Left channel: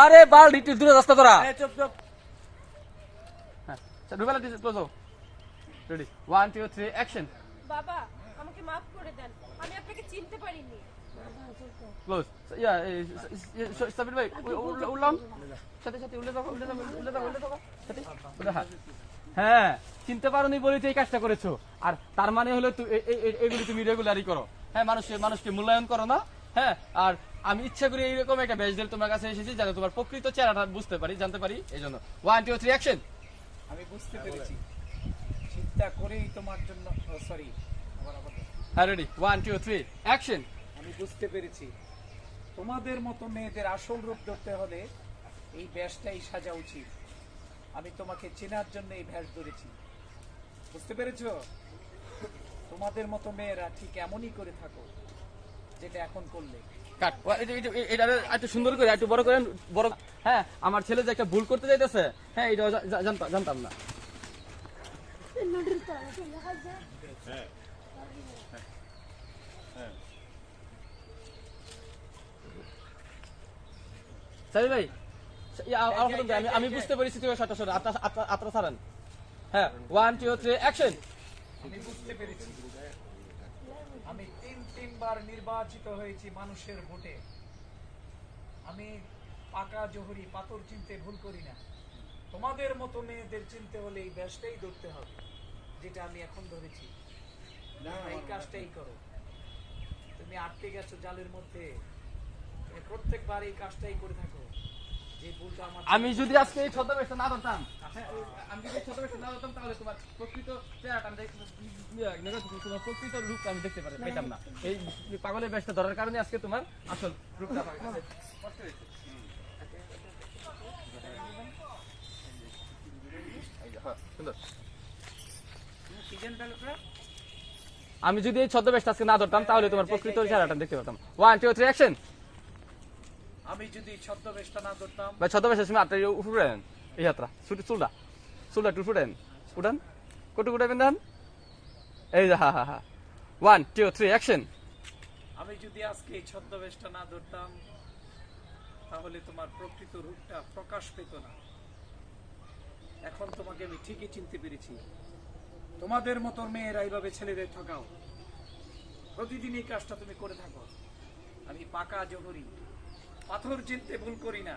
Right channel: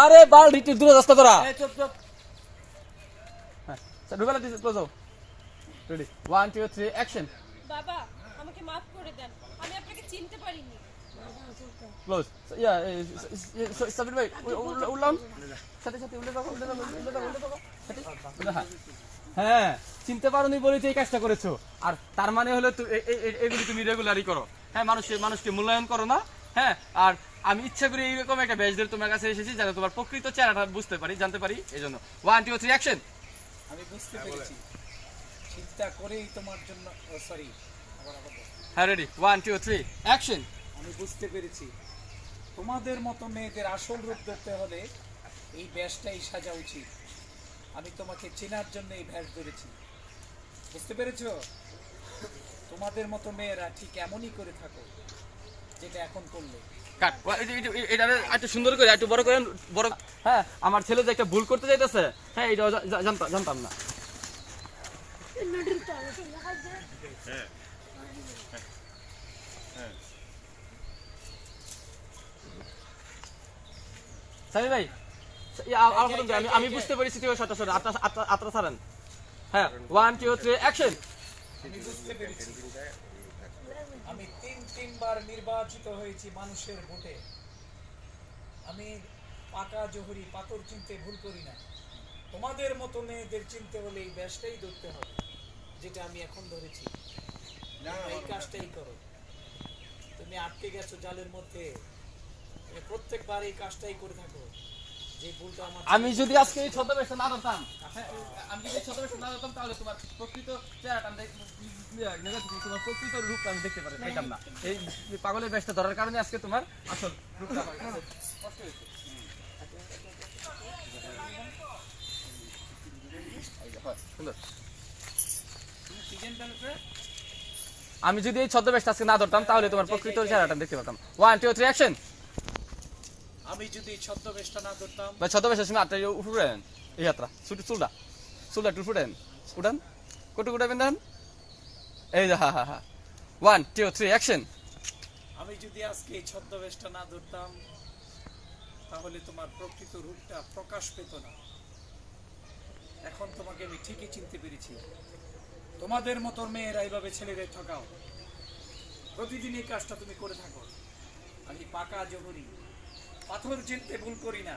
আরে বাল একটু দূরে রাস্তা তোরা। চুপ চুপ। হ্যাঁ ঢুকালে this close ready one two three action বাবা আমাকে মাফ করে দেন। আমি আপনাকে চিনতে পারিনি। ক্লোজ ইয়া সাবির ভাই উল্লাম সাথে সাথে উল্লে রাখো উল্লে রাখো উল্লে রাখো উল্লে রাখো সাথে উল্লে রাখো। হ্যাঁ চিনতে পারোনি বলেই তো এই কাজটা করেছ। আর তার মানে হলো এগুলি তুমি রেগুলারই করো। হ্যাঁ মানুষ মানুষকে মূল্যায়ন করো না। হ্যাঁ আর আমি ইচ্ছা করে এইরকম একটা বেশ দিয়ে তোমার কাছে এসেছি যাতে তোমার প্রকৃত চেহারাটা বুঝতে পারি জানতে পারি এই জন্য ওয়ান টু থ্রি অ্যাকশন আমি বুঝতে পেরেছি। চিন্তা করেই তোমার জন্য সরি আবার আবার হ্যাঁ ready one two three action আমি বুঝতে পেরেছি। তোমাদের মতো মেয়েদের আসল রূপ ধরতে হলে এই ব্যাসটাই সাজা উচিত। আমি তোমাকে চেনার জন্য এই ভ্যাস ধরেছি। বুঝতে পেরেছ? তোমাদের মতো মেয়েরা ঠিক এমনই করে থাকো। যেটা এখন করলে। কাট। এটা- এটা- এটা একটু সুন্দর করে একটু বড় করে বড় হ্যাঁ আমার ছেলে যে একটা ভুল করতে যাইতেছে হ্যাঁ এটা জানতাম জানতাম না। ভাই আমি বুঝতে পেরেছি তুই আত্রা আত্রা আত্রা ছাড়েন হ্যাঁ ওয়ান টু থ্রি অ্যাকশন আমি বুঝতে পেরেছি। আমি তিন তিনবার নির্বাচিত হয়েছি মানুষের ভোটে। আমি পাকা জহরি পাথর চিনতে ভুল করি না। তোমাদের মতো মেয়েদের চিনতে হলে এই ব্যাসটাই ধরতে হবে যেটা আমি এখন ধরেছি। এই কাজটাই করো। তুমি আটকে গেছো জালের মধ্যে। প্রত্যেকবার এই কাজটাই করে থাকো। আমি যদি আজকে এই ছদ্মবেশটা না ধরতাম হ্যাঁ, আমি যদি এই ছদ্মবেশটা না ধরতাম তাহলে তোমার প্রকৃত চেহারাটা আমি ইয়া, তোমার প্রকৃত রূপটা আমি দেখতে পারি পেতাম না। এই পাগলের বেশটা ধরার কারণে আজকে তোমার আসল রূপটা আমার হয়েছে। এই যে, হ্যাঁ, সুন্দর। আমি যদি এই ছদ্মবেশটা আজকে না ধরতাম তাহলে তোমার প্রকৃত চেহারাটা দেখতে পারতাম। ওয়ান টু থ্রি অ্যাকশন আমি যদি ছদ্মবেশটা না ধরতাম। ভাই ছদ্মবেশের সময় আটটা উপরে দেন এই যাত্রা। ছুটি চুলটা। চুলটা একটু ফুটেন উঠান। কটু উঠাবেন দেন এই হা হা হা। ওয়ান টু থ্রি অ্যাকশন আমি যদি আজকে এই ছদ্মবেশটা না ধরতাম তাহলে তোমার প্রকৃত রূপটা প্রকাশ পেত না। এখন তোমাকে আমি ঠিকই চিনতে পেরেছি। তোমাদের মতো মেয়েরা এইভাবে ছেলেদের ঠকাও। প্রতিদিন এই কাজটা তুমি করে থাকো। আমি পাকা জহরি পাথর চিনতে ভুল করি না।